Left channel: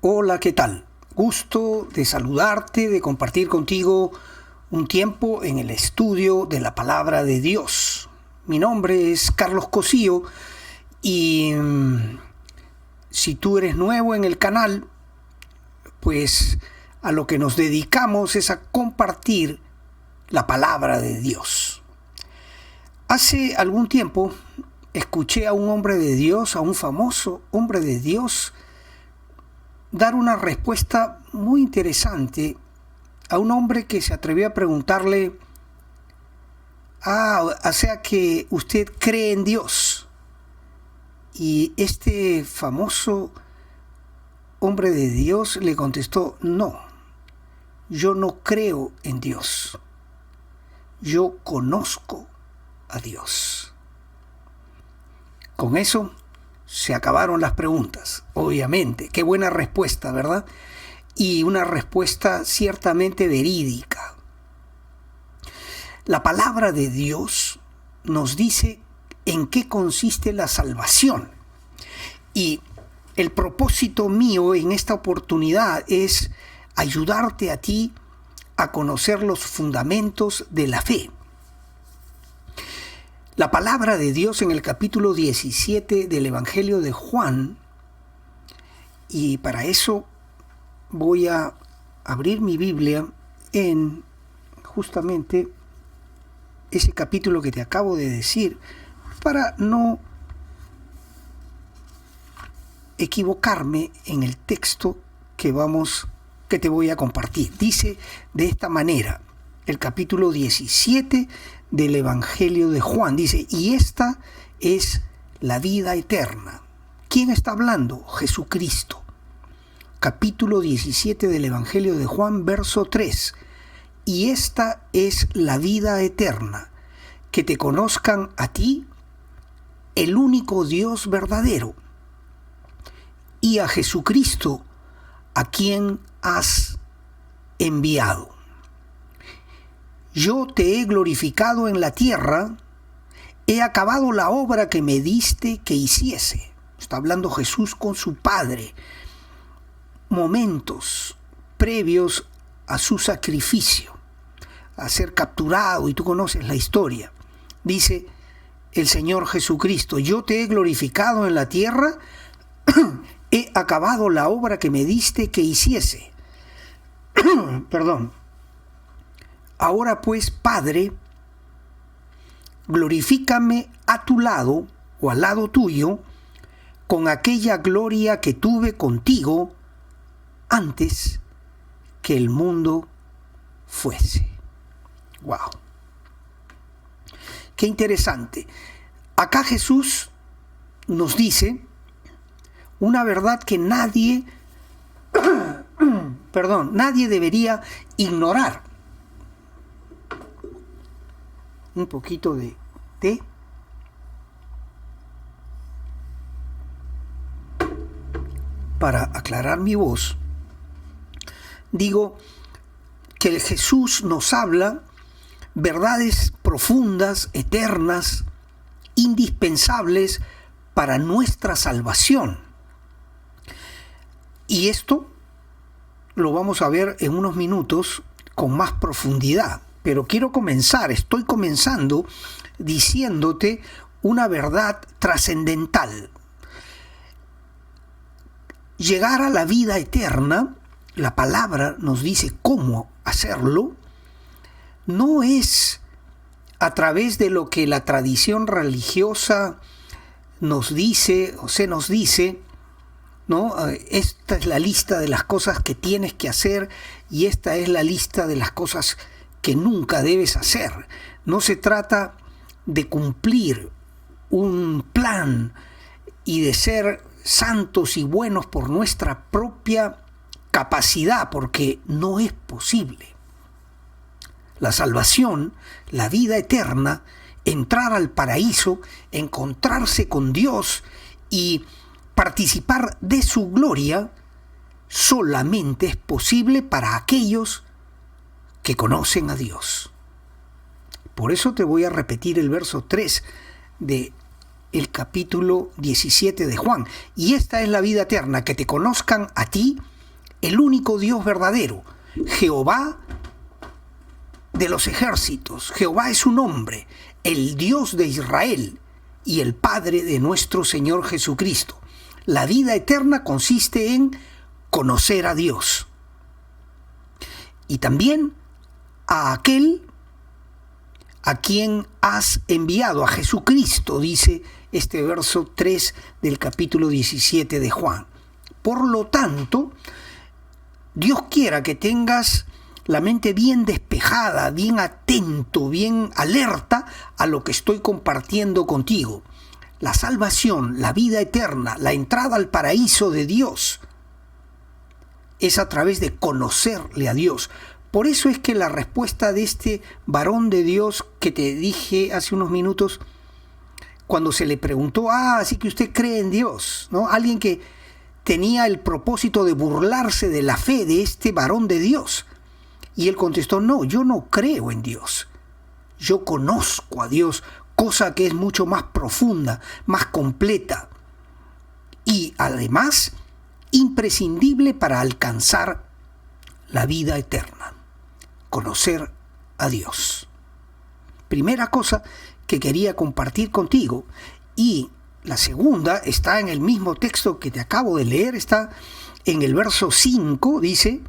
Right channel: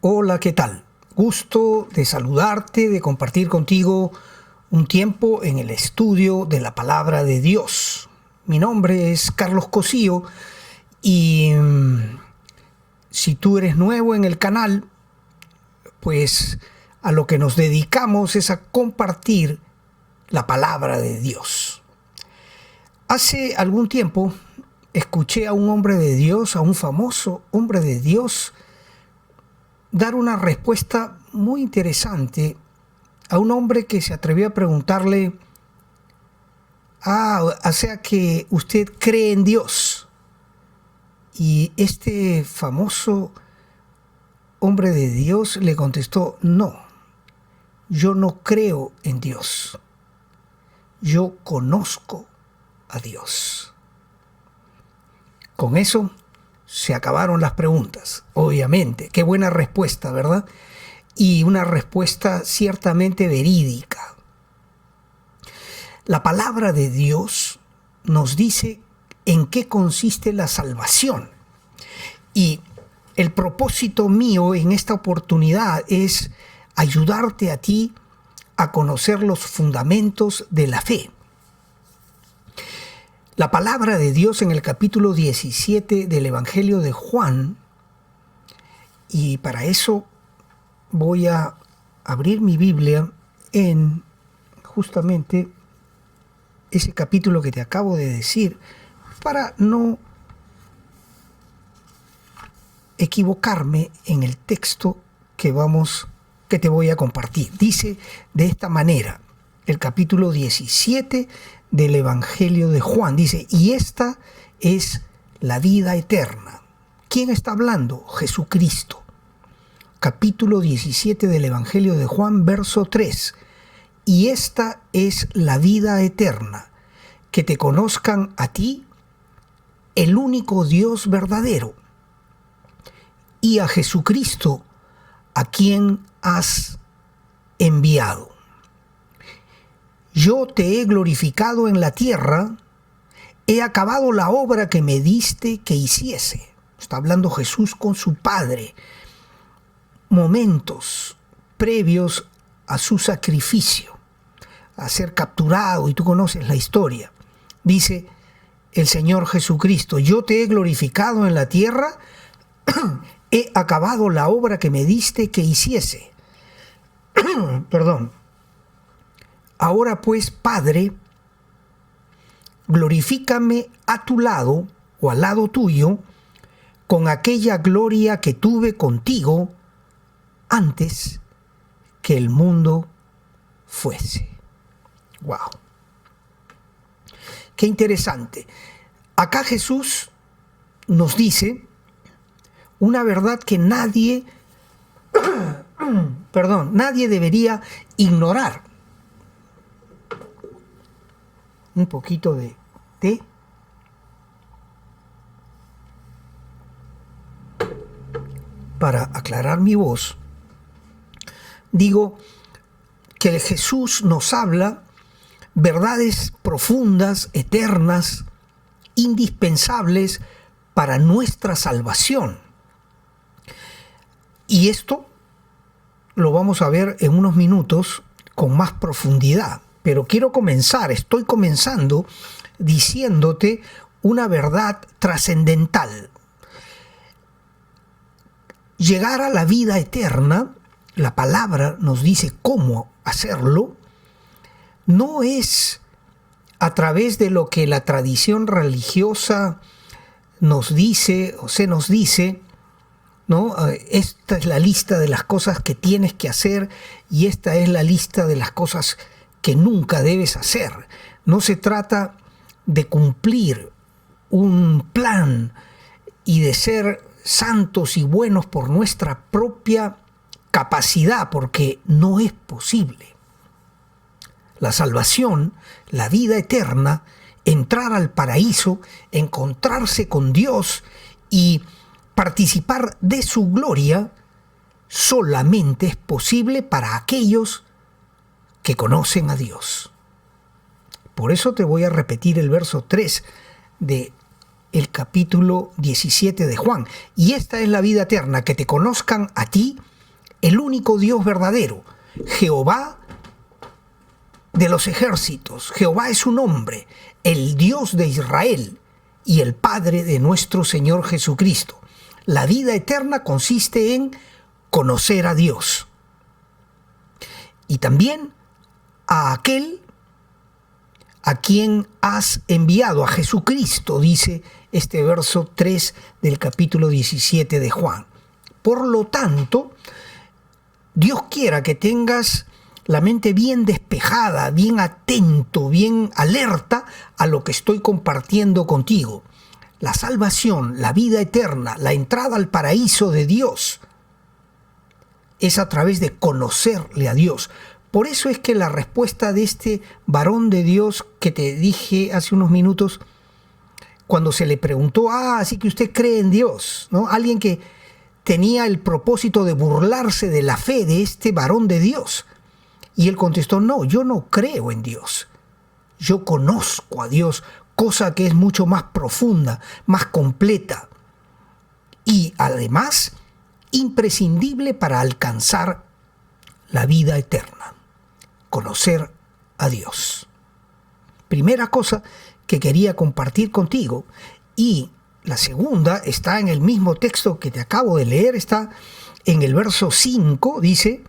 Hola, ¿qué tal? Gusto de saludarte, de compartir contigo un tiempo en el estudio de la palabra de Dios. Mi nombre es Carlos Cosío y si tú eres nuevo en el canal, pues a lo que nos dedicamos es a compartir la palabra de Dios. Hace algún tiempo escuché a un hombre de Dios, a un famoso hombre de Dios, dar una respuesta muy interesante a un hombre que se atrevió a preguntarle, o sea que usted cree en Dios. Y este famoso hombre de Dios le contestó, no, yo no creo en Dios, yo conozco a Dios. Con eso se acabaron las preguntas, obviamente. Qué buena respuesta, ¿verdad? Y una respuesta ciertamente verídica. La palabra de Dios nos dice en qué consiste la salvación. Y el propósito mío en esta oportunidad es ayudarte a ti a conocer los fundamentos de la fe. La palabra de Dios en el capítulo 17 del Evangelio de Juan, y para eso voy a abrir mi Biblia en justamente ese capítulo que te acabo de decir, para no equivocarme en el texto que te voy a compartir. Dice de esta manera, el capítulo 17 del Evangelio de Juan, dice, y esta es la vida eterna. ¿Quién está hablando? Jesucristo. Capítulo 17 del Evangelio de Juan, verso 3. Y esta es la vida eterna, que te conozcan a ti, el único Dios verdadero, y a Jesucristo, a quien has enviado. Yo te he glorificado en la tierra, he acabado la obra que me diste que hiciese. Está hablando Jesús con su Padre, momentos previos a su sacrificio, a ser capturado, y tú conoces la historia. Dice el Señor Jesucristo, yo te he glorificado en la tierra, he acabado la obra que me diste que hiciese. Perdón. Ahora pues, Padre, glorifícame a tu lado o al lado tuyo con aquella gloria que tuve contigo antes que el mundo fuese. ¡Wow! Qué interesante. Acá Jesús nos dice una verdad que nadie debería ignorar. Un poquito de té. Para aclarar mi voz, digo que Jesús nos habla verdades profundas, eternas, indispensables para nuestra salvación. Y esto lo vamos a ver en unos minutos con más profundidad. Pero estoy comenzando diciéndote una verdad trascendental. Llegar a la vida eterna, la palabra nos dice cómo hacerlo, no es a través de lo que la tradición religiosa nos dice o se nos dice, ¿no? Esta es la lista de las cosas que tienes que hacer y esta es la lista de las cosas que nunca debes hacer. No se trata de cumplir un plan y de ser santos y buenos por nuestra propia capacidad, porque no es posible. La salvación, la vida eterna, entrar al paraíso, encontrarse con Dios y participar de su gloria, solamente es posible para aquellos que conocen a Dios. Por eso te voy a repetir el verso 3 de el capítulo 17 de Juan. Y esta es la vida eterna, que te conozcan a ti, el único Dios verdadero, Jehová de los ejércitos. Jehová es su nombre, el Dios de Israel y el Padre de nuestro Señor Jesucristo. La vida eterna consiste en conocer a Dios y también a aquel a quien has enviado, a Jesucristo, dice este verso 3 del capítulo 17 de Juan. Por lo tanto, Dios quiera que tengas la mente bien despejada, bien atento, bien alerta a lo que estoy compartiendo contigo. La salvación, la vida eterna, la entrada al paraíso de Dios es a través de conocerle a Dios. Por eso es que la respuesta de este varón de Dios que te dije hace unos minutos, cuando se le preguntó, así que usted cree en Dios, ¿no? Alguien que tenía el propósito de burlarse de la fe de este varón de Dios. Y él contestó, no, yo no creo en Dios. Yo conozco a Dios, cosa que es mucho más profunda, más completa y además imprescindible para alcanzar la vida eterna. Conocer a Dios. Primera cosa que quería compartir contigo, y la segunda está en el mismo texto que te acabo de leer, está en el verso 5, dice:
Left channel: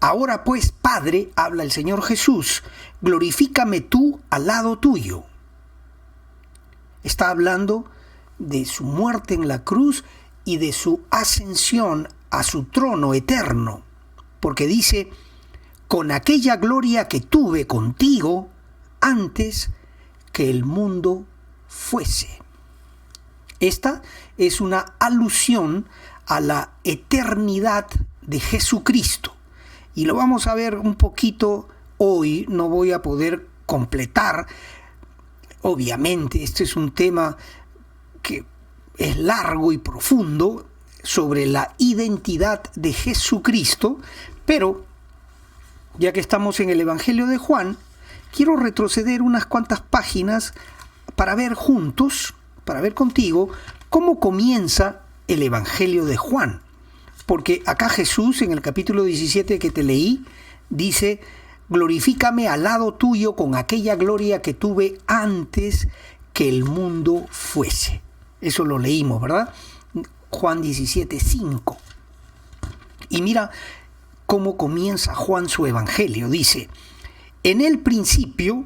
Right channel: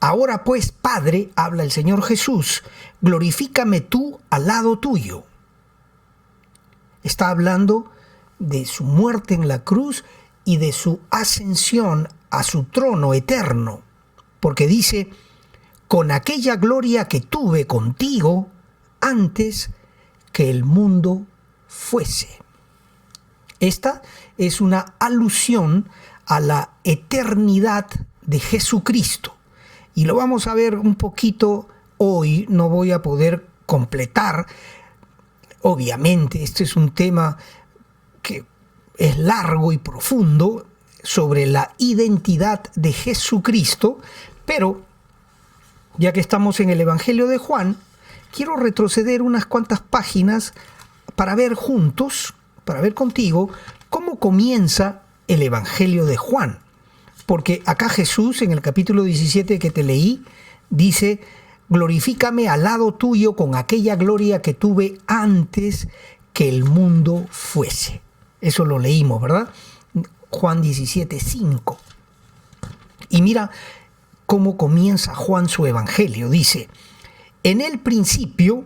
ahora pues, Padre, habla el Señor Jesús, glorifícame tú al lado tuyo. Está hablando de su muerte en la cruz y de su ascensión a su trono eterno, porque dice, con aquella gloria que tuve contigo antes que el mundo fuese. Esta es una alusión a la eternidad de Jesucristo. Y lo vamos a ver un poquito hoy, no voy a poder completar. Obviamente, este es un tema que es largo y profundo sobre la identidad de Jesucristo, pero ya que estamos en el Evangelio de Juan, quiero retroceder unas cuantas páginas para ver juntos, para ver contigo, cómo comienza el Evangelio de Juan. Porque acá Jesús, en el capítulo 17 que te leí, dice, glorifícame al lado tuyo con aquella gloria que tuve antes que el mundo fuese. Eso lo leímos, ¿verdad? Juan 17, 5. Y mira cómo comienza Juan su evangelio. Dice, en el principio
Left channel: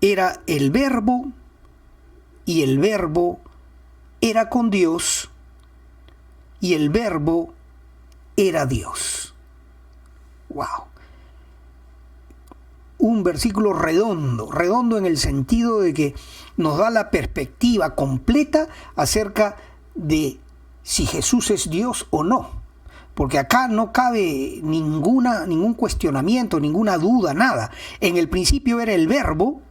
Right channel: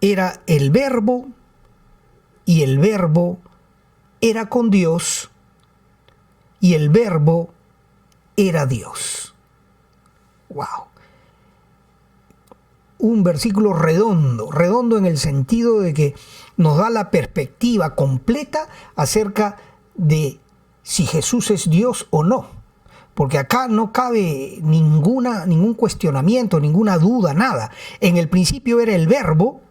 era el Verbo, y el Verbo era con Dios, y el Verbo era Dios. ¡Wow! Un versículo redondo en el sentido de que nos da la perspectiva completa acerca de si Jesús es Dios o no. Porque acá no cabe ningún cuestionamiento, ninguna duda, nada. En el principio era el Verbo.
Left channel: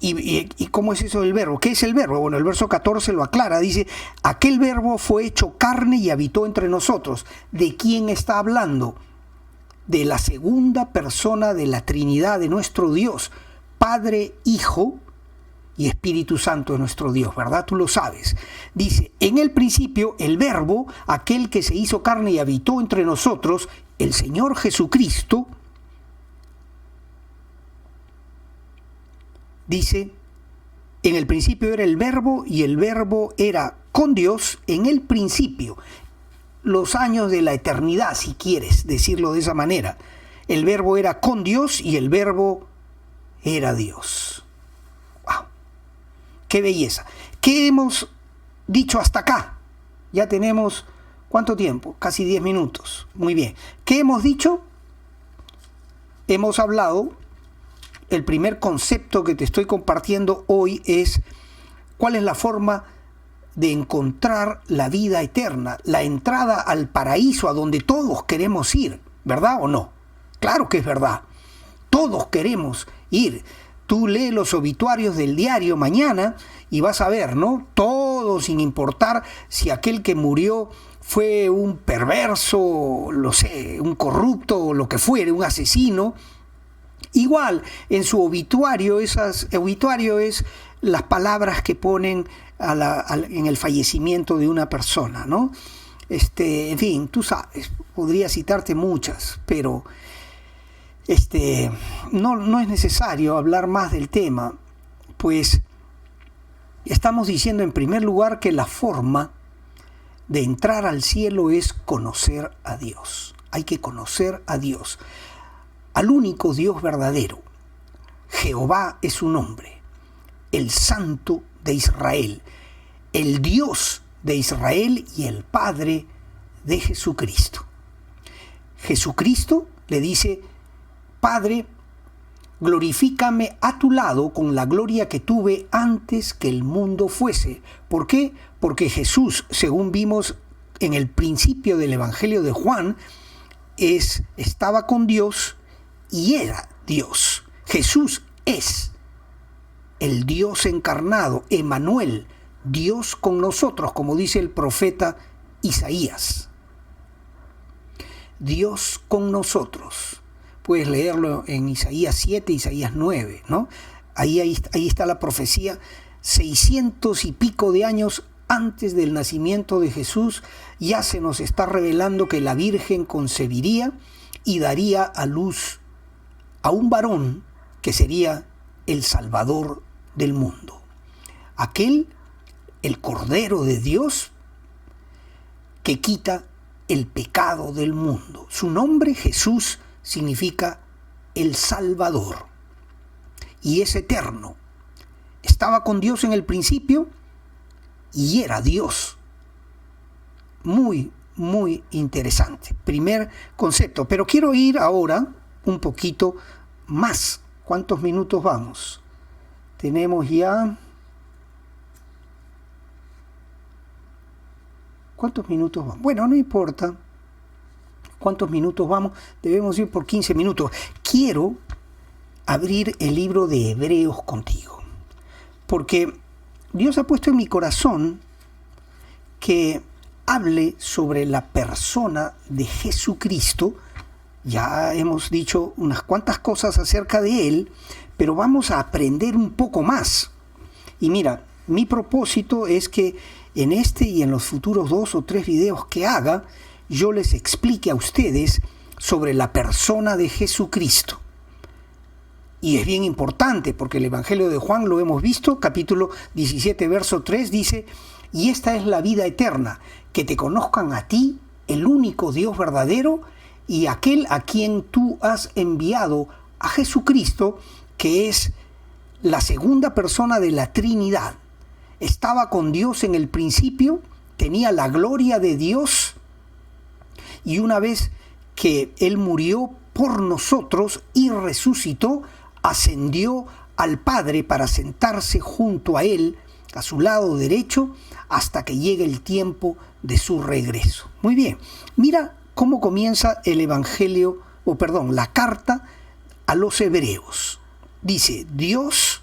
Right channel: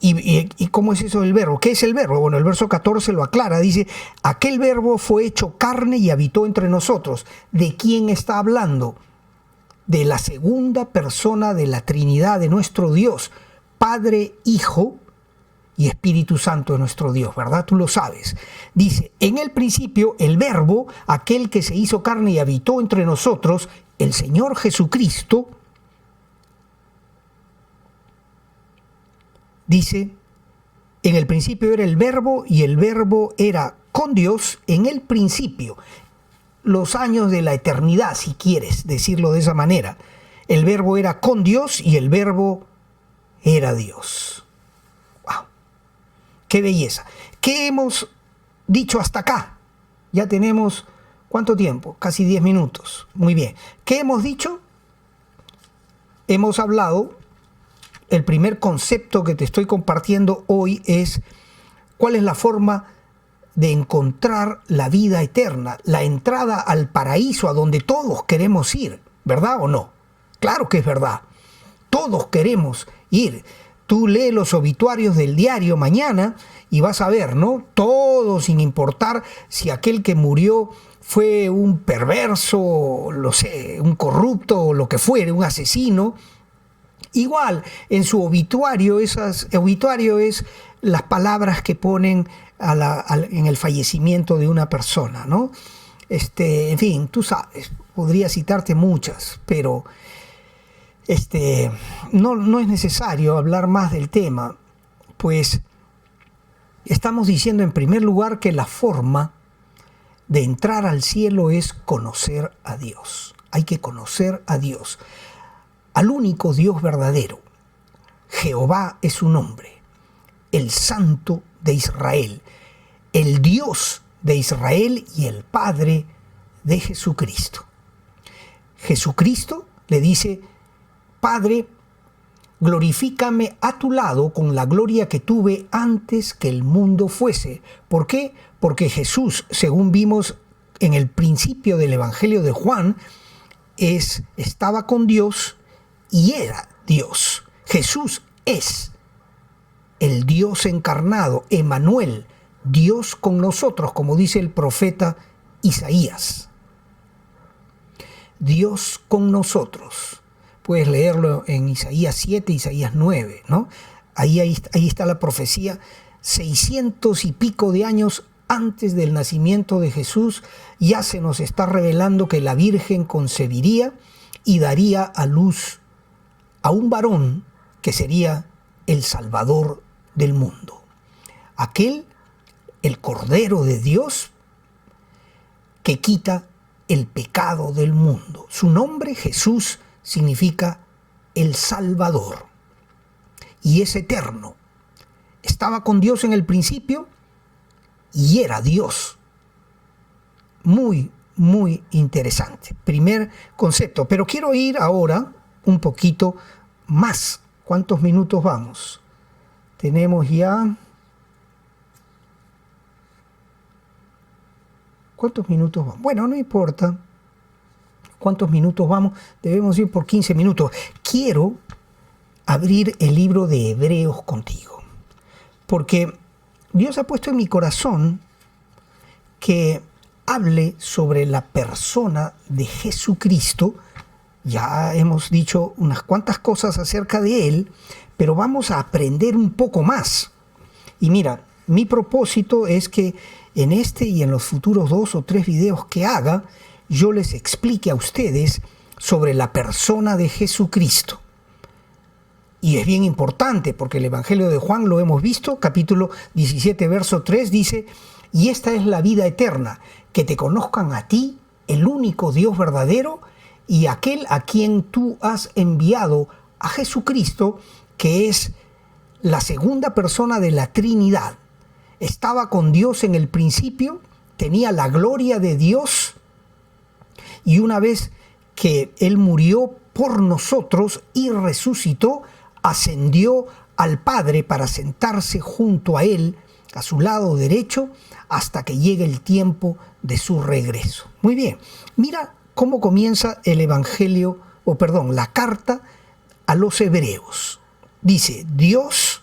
¿Y cómo es eso del verbo? ¿Qué es el verbo? Bueno, el verso 14 lo aclara, dice, aquel verbo fue hecho carne y habitó entre nosotros. ¿De quién está hablando? De la segunda persona de la Trinidad de nuestro Dios, Padre, Hijo y Espíritu Santo de nuestro Dios, ¿verdad? Tú lo sabes. Dice, en el principio el verbo, aquel que se hizo carne y habitó entre nosotros, el Señor Jesucristo, dice, en el principio era el Verbo y el Verbo era con Dios en el principio. Los años de la eternidad, si quieres decirlo de esa manera. El Verbo era con Dios y el Verbo era Dios. ¡Wow! ¡Qué belleza! ¿Qué hemos dicho hasta acá? Ya tenemos, ¿cuánto tiempo? Casi 10 minutos. Muy bien. ¿Qué hemos dicho? Hemos hablado. El primer concepto que te estoy compartiendo hoy es cuál es la forma de encontrar la vida eterna, la entrada al paraíso a donde todos queremos ir, ¿verdad o no? Claro que es verdad, todos queremos ir. Tú lee los obituarios del diario mañana y vas a ver, ¿no? Todo sin importar si aquel que murió fue un perverso, lo sé, un corrupto o lo que fuere, un asesino. Igual, en su obituario, obituario es las palabras que ponen en el fallecimiento de una persona, ¿no? En fin, tú sabes, podría citarte muchas, pero no es necesario hablar más del tema, pues estamos diciendo en primer lugar que la forma de entrar al cielo es conocer a Dios. Hay que conocer a Dios, al único Dios verdadero. Jehová es su nombre, el Santo de Israel, el Dios de Israel y el Padre de Jesucristo. Jesucristo le dice: Padre, glorifícame a tu lado con la gloria que tuve antes que el mundo fuese. ¿Por qué? Porque Jesús, según vimos en el principio del Evangelio de Juan, estaba con Dios y era Dios. Jesús es el Dios encarnado, Emmanuel, Dios con nosotros, como dice el profeta Isaías. Dios con nosotros. Puedes leerlo en Isaías 7, Isaías 9, ¿no? Ahí está la profecía, 600 y pico de años antes del nacimiento de Jesús, ya se nos está revelando que la Virgen concebiría y daría a luz a un varón que sería el Salvador del mundo. Aquel, el Cordero de Dios, que quita el pecado del mundo. Su nombre, Jesús, significa el Salvador. Y es eterno. Estaba con Dios en el principio y era Dios. Muy, muy interesante. Primer concepto. Pero quiero ir ahora un poquito más. ¿Cuántos minutos vamos? Tenemos ya... ¿Cuántos minutos vamos? Bueno, no importa cuántos minutos vamos. Debemos ir por 15 minutos. Quiero abrir el libro de Hebreos contigo. Porque Dios ha puesto en mi corazón que hable sobre la persona de Jesucristo. Ya hemos dicho unas cuantas cosas acerca de Él, pero vamos a aprender un poco más. Y mira, mi propósito es que en este y en los futuros 2 o 3 videos que haga, yo les explique a ustedes sobre la persona de Jesucristo. Y es bien importante porque el Evangelio de Juan lo hemos visto, capítulo 17, verso 3, dice: y esta es la vida eterna, que te conozcan a ti, el único Dios verdadero, y aquel a quien tú has enviado, a Jesucristo, que es la segunda persona de la Trinidad. Estaba con Dios en el principio, tenía la gloria de Dios, y una vez que Él murió por nosotros y resucitó, ascendió al Padre para sentarse junto a Él, a su lado derecho, hasta que llegue el tiempo de su regreso. Muy bien, mira cómo comienza el Evangelio, la carta a los Hebreos. Dice: Dios,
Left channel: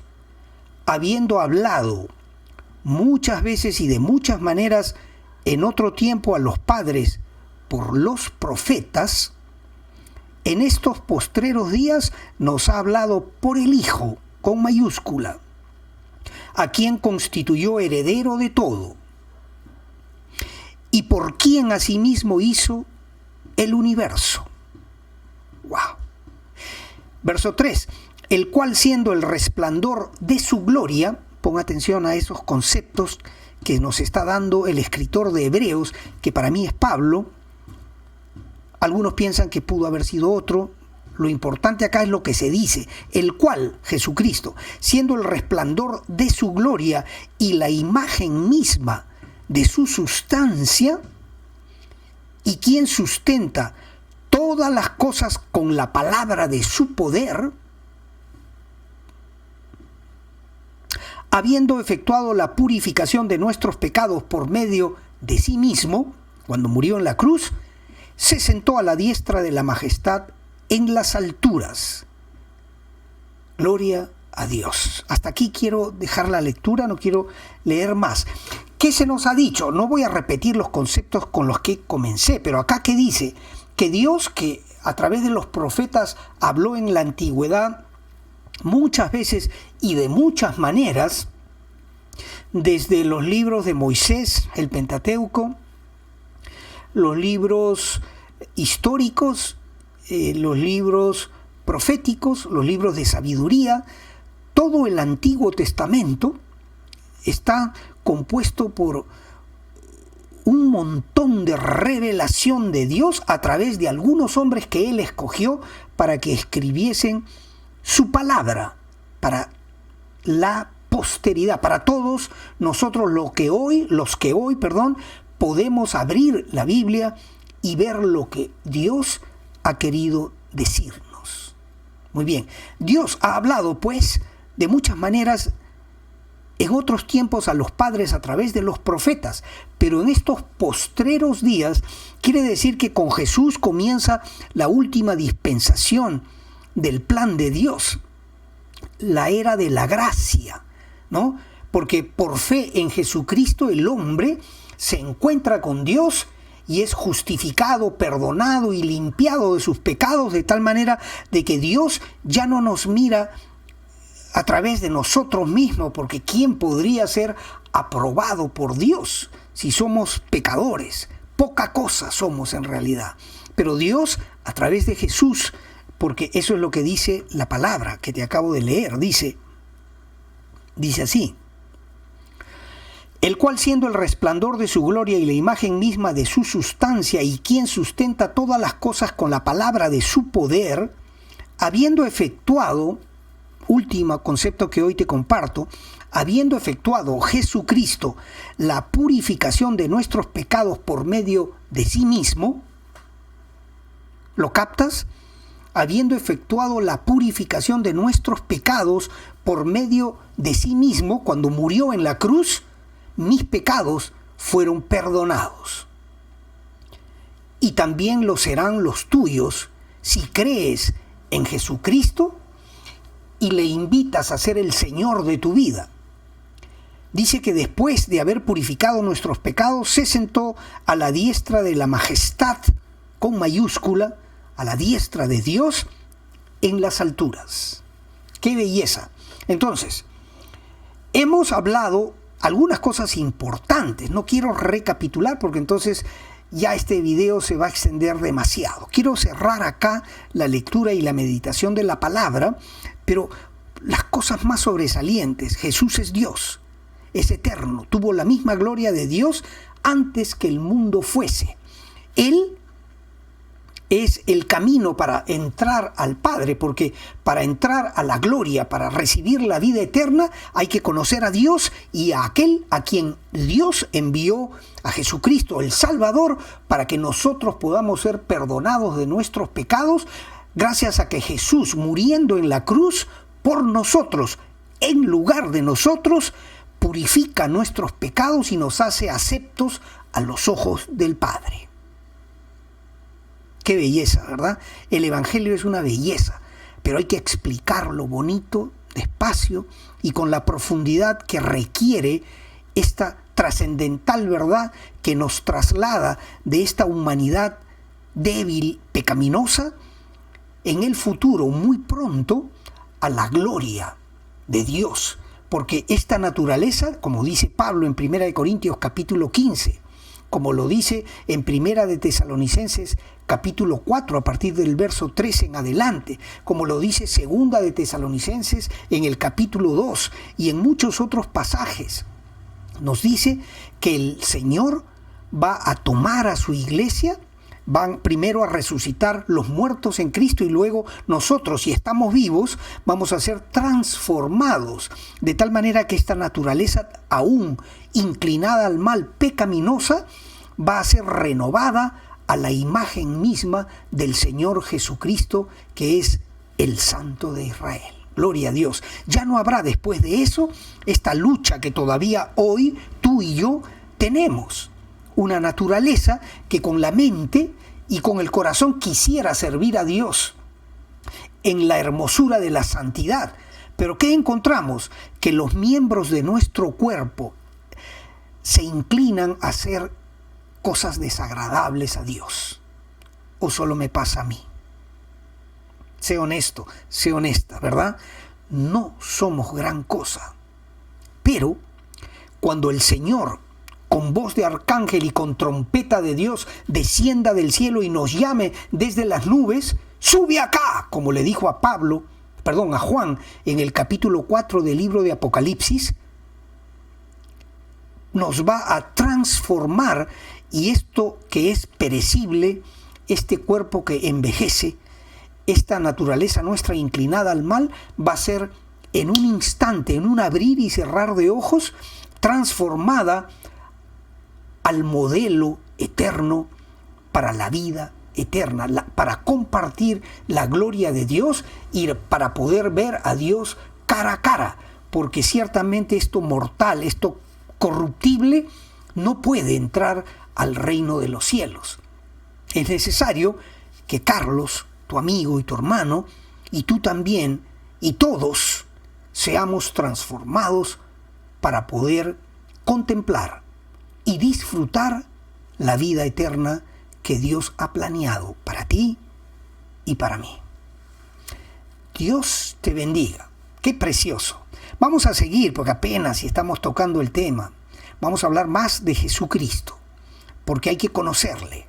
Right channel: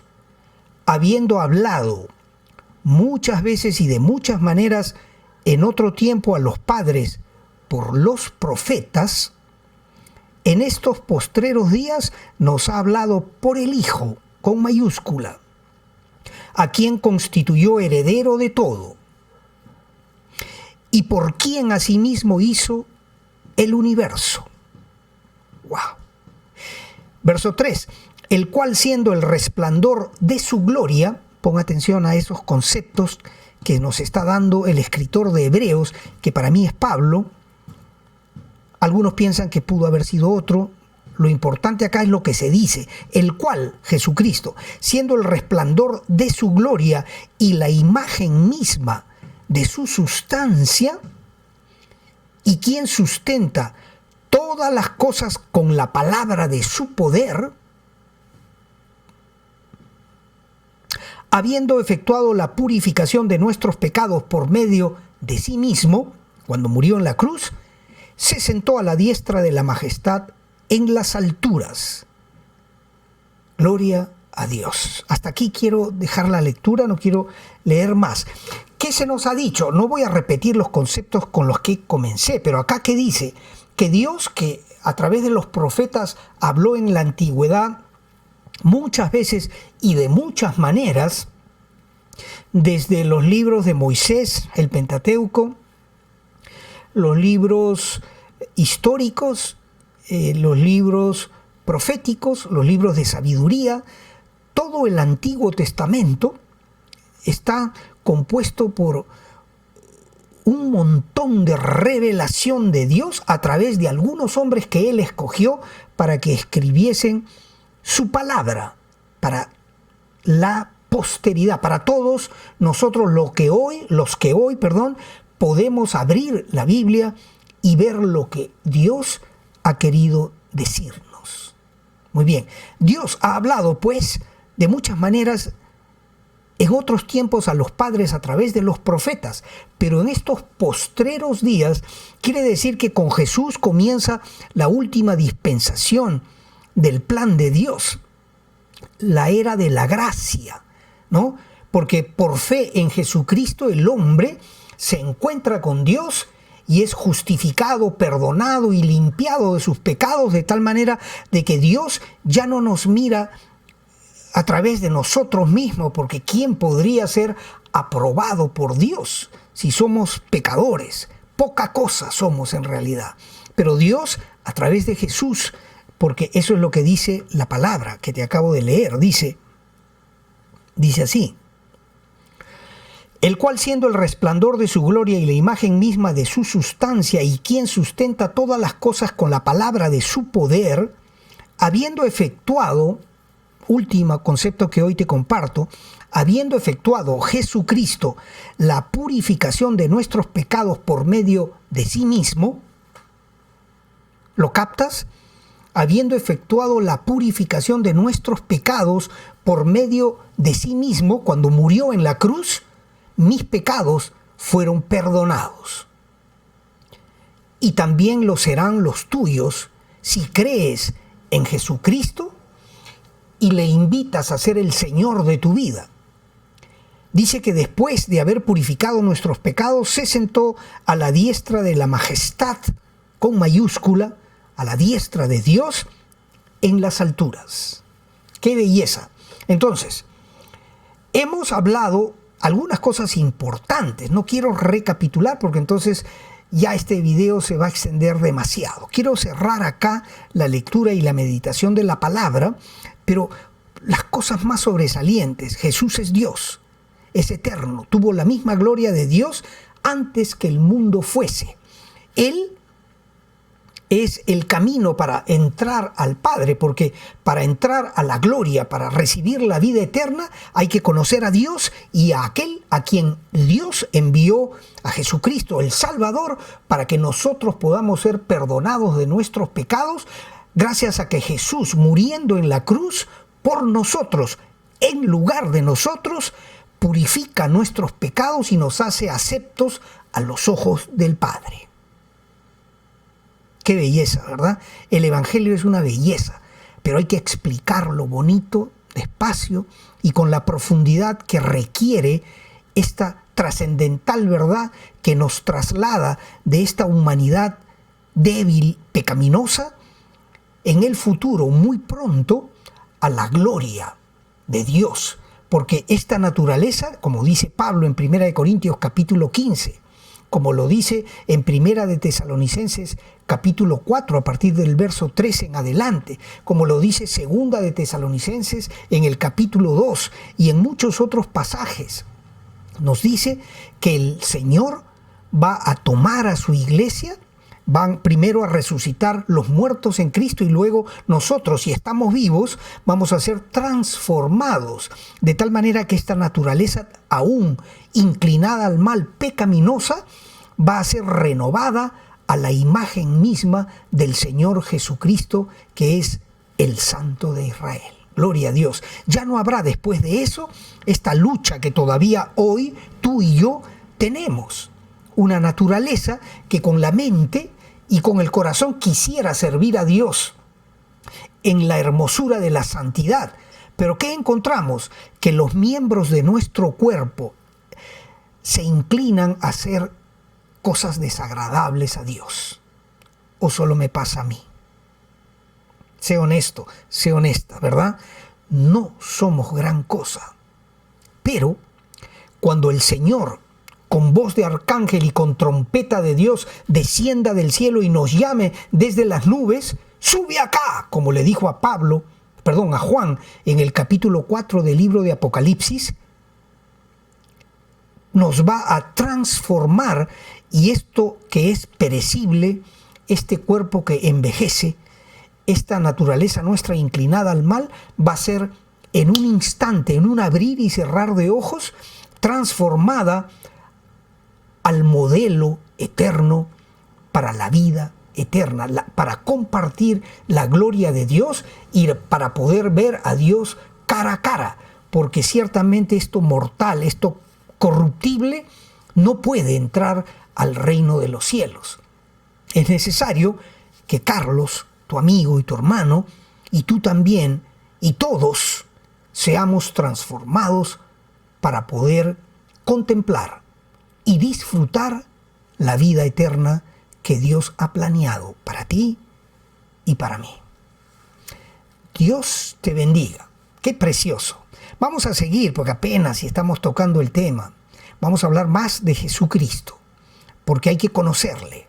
habiendo hablado muchas veces y de muchas maneras en otro tiempo a los padres por los profetas, en estos postreros días nos ha hablado por el Hijo, con mayúscula, a quien constituyó heredero de todo, y por quien asimismo hizo el universo. ¡Wow! Verso 3, el cual, siendo el resplandor de su gloria, pon atención a esos conceptos que nos está dando el escritor de Hebreos, que para mí es Pablo. Algunos piensan que pudo haber sido otro. Lo importante acá es lo que se dice: el cual, Jesucristo, siendo el resplandor de su gloria y la imagen misma de su sustancia, y quien sustenta todas las cosas con la palabra de su poder, habiendo efectuado la purificación de nuestros pecados por medio de sí mismo, cuando murió en la cruz, se sentó a la diestra de la majestad en las alturas. Gloria a Dios. Hasta aquí quiero dejar la lectura, no quiero leer más. ¿Qué se nos ha dicho? No voy a repetir los conceptos con los que comencé, pero acá ¿qué dice? Que Dios, que a través de los profetas habló en la antigüedad muchas veces y de muchas maneras, desde los libros de Moisés, el Pentateuco, los libros históricos, los libros proféticos, los libros de sabiduría. Todo el Antiguo Testamento está compuesto por un montón de revelación de Dios a través de algunos hombres que Él escogió para que escribiesen su palabra para la posteridad, para todos nosotros los que hoy, podemos abrir la Biblia y ver lo que Dios ha querido decirnos. Muy bien, Dios ha hablado pues de muchas maneras en otros tiempos a los padres a través de los profetas, pero en estos postreros días quiere decir que con Jesús comienza la última dispensación del plan de Dios, la era de la gracia, ¿no? Porque por fe en Jesucristo el hombre se encuentra con Dios y es justificado, perdonado y limpiado de sus pecados, de tal manera de que Dios ya no nos mira a través de nosotros mismos, porque ¿quién podría ser aprobado por Dios si somos pecadores? Poca cosa somos en realidad. Pero Dios, a través de Jesús, porque eso es lo que dice la palabra que te acabo de leer, dice así: el cual, siendo el resplandor de su gloria y la imagen misma de su sustancia, y quien sustenta todas las cosas con la palabra de su poder, habiendo efectuado, último concepto que hoy te comparto, habiendo efectuado Jesucristo la purificación de nuestros pecados por medio de sí mismo, ¿lo captas? Habiendo efectuado la purificación de nuestros pecados por medio de sí mismo, cuando murió en la cruz, mis pecados fueron perdonados. Y también lo serán los tuyos si crees en Jesucristo y le invitas a ser el Señor de tu vida. Dice que después de haber purificado nuestros pecados, se sentó a la diestra de la majestad, con mayúscula, a la diestra de Dios en las alturas. ¡Qué belleza! Entonces, hemos hablado algunas cosas importantes. No quiero recapitular porque entonces ya este video se va a extender demasiado. Quiero cerrar acá la lectura y la meditación de la palabra, pero las cosas más sobresalientes: Jesús es Dios, es eterno, tuvo la misma gloria de Dios antes que el mundo fuese. Él es el camino para entrar al Padre, porque para entrar a la gloria, para recibir la vida eterna, hay que conocer a Dios y a aquel a quien Dios envió, a Jesucristo, el Salvador, para que nosotros podamos ser perdonados de nuestros pecados, gracias a que Jesús, muriendo en la cruz por nosotros, en lugar de nosotros, purifica nuestros pecados y nos hace aceptos a los ojos del Padre. Qué belleza, ¿verdad? El Evangelio es una belleza, pero hay que explicarlo bonito, despacio y con la profundidad que requiere esta trascendental verdad que nos traslada de esta humanidad débil, pecaminosa, en el futuro, muy pronto, a la gloria de Dios. Porque esta naturaleza, como dice Pablo en 1 Corintios capítulo 15, como lo dice en 1 de Tesalonicenses capítulo 4 a partir del verso 13 en adelante, como lo dice 2 de Tesalonicenses en el capítulo 2 y en muchos otros pasajes, nos dice que el Señor va a tomar a su iglesia, van primero a resucitar los muertos en Cristo y luego nosotros, si estamos vivos, vamos a ser transformados de tal manera que esta naturaleza aún inclinada al mal, pecaminosa, va a ser renovada a la imagen misma del Señor Jesucristo, que es el Santo de Israel. Gloria a Dios. Ya no habrá después de eso esta lucha que todavía hoy tú y yo tenemos. Una naturaleza que con la mente y con el corazón quisiera servir a Dios en la hermosura de la santidad. Pero ¿qué encontramos? Que los miembros de nuestro cuerpo se inclinan a hacer cosas desagradables a Dios. ¿O solo me pasa a mí? Sé honesto, sé honesta, ¿verdad? No somos gran cosa, pero cuando el Señor, con voz de arcángel y con trompeta de Dios, descienda del cielo y nos llame desde las nubes, sube acá, como le dijo a Juan en el capítulo 4 del libro de Apocalipsis, nos va a transformar, y esto que es perecible, este cuerpo que envejece, esta naturaleza nuestra inclinada al mal, va a ser en un instante, en un abrir y cerrar de ojos, transformada al modelo eterno para la vida eterna, para compartir la gloria de Dios y para poder ver a Dios cara a cara, porque ciertamente esto mortal, esto corruptible, no puede entrar al reino de los cielos. Es necesario que Carlos, tu amigo y tu hermano, y tú también, y todos, seamos transformados para poder contemplar y disfrutar la vida eterna que Dios ha planeado para ti y para mí. Dios te bendiga. Qué precioso. Vamos a seguir porque apenas estamos tocando el tema. Vamos a hablar más de Jesucristo, porque hay que conocerle.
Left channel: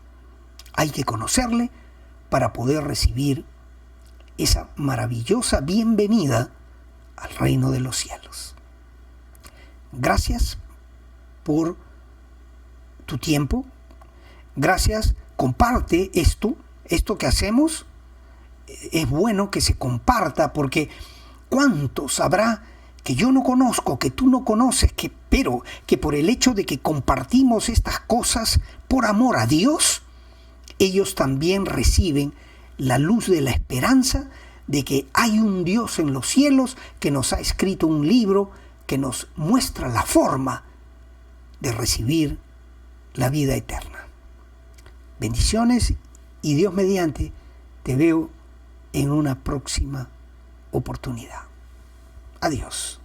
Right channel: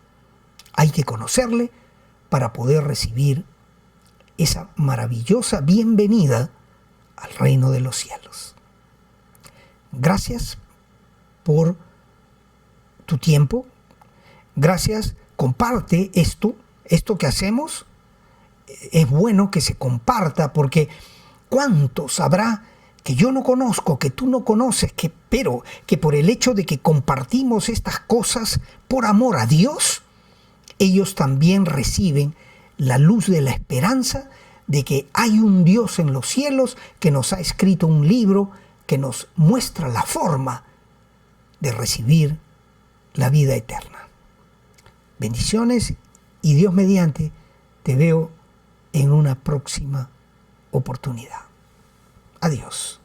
Hay que conocerle para poder recibir esa maravillosa bienvenida al reino de los cielos. Gracias por tu tiempo. Gracias. Comparte esto que hacemos. Es bueno que se comparta, porque ¿cuántos habrá que yo no conozco, que tú no conoces, pero que por el hecho de que compartimos estas cosas por amor a Dios, ellos también reciben la luz de la esperanza de que hay un Dios en los cielos que nos ha escrito un libro que nos muestra la forma de recibir la vida eterna. Bendiciones, y Dios mediante te veo en una próxima oportunidad. Adiós.